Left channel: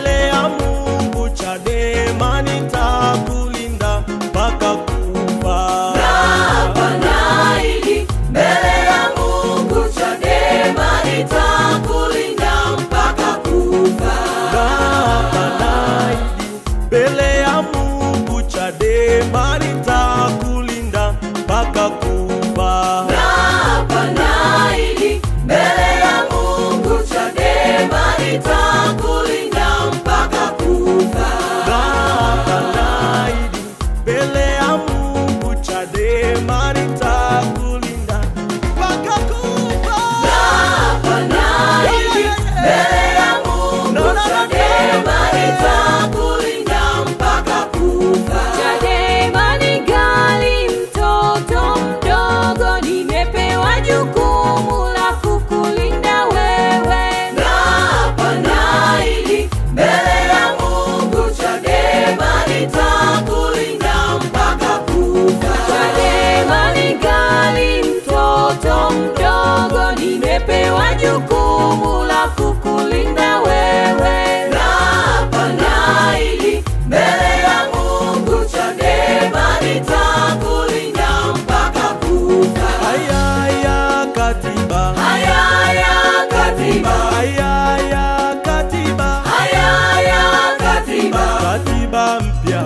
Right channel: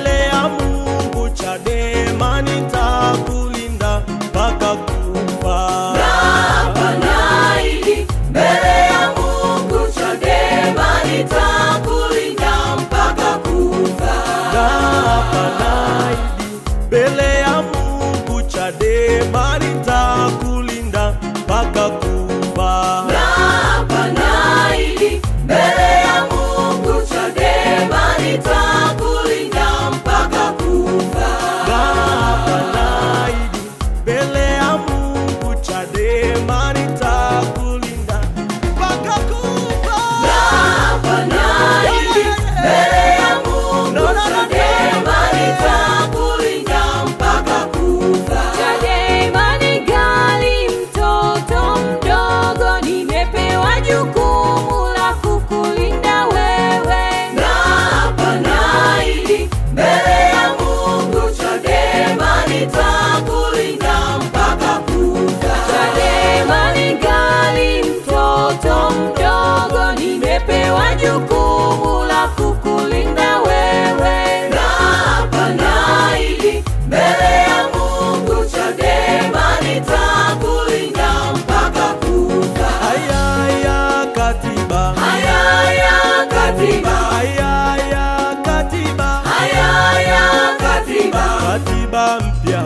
mbele ya Mungu Chadema nitakulinda mpaka kufa. Naapa naahidi mbele ya Mungu Chadema nitakulinda mpaka kufa. Naapa naahidi mbele ya Mungu Chadema nitakulinda mpaka kufa. Naapa naahidi mbele ya Mungu Chadema nitakulinda mpaka kufa. Naapa naahidi mbele ya Mungu Chadema nitakulinda mpaka kufa. Naapa naahidi mbele ya Mungu Chadema nitakulinda mpaka kufa. Chadema ni gali, mtoto mdogo, nimepewa jukumu la kukulinda wewe. Naapa naahidi mbele ya Mungu Chadema nitakulinda mpaka kufa. Chadema ni gali, mtoto mdogo, nimepewa jukumu la kukulinda wewe. Naapa naahidi mbele ya Mungu Chadema nitakulinda mpaka kufa. Haya katiba, Haya katiba, haya katiba, haya katiba, katiba mpya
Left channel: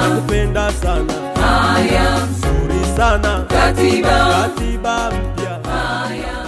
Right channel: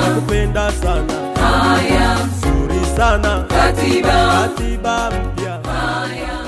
nakupenda sana, haya nzuri sana katiba, katiba mpya. haya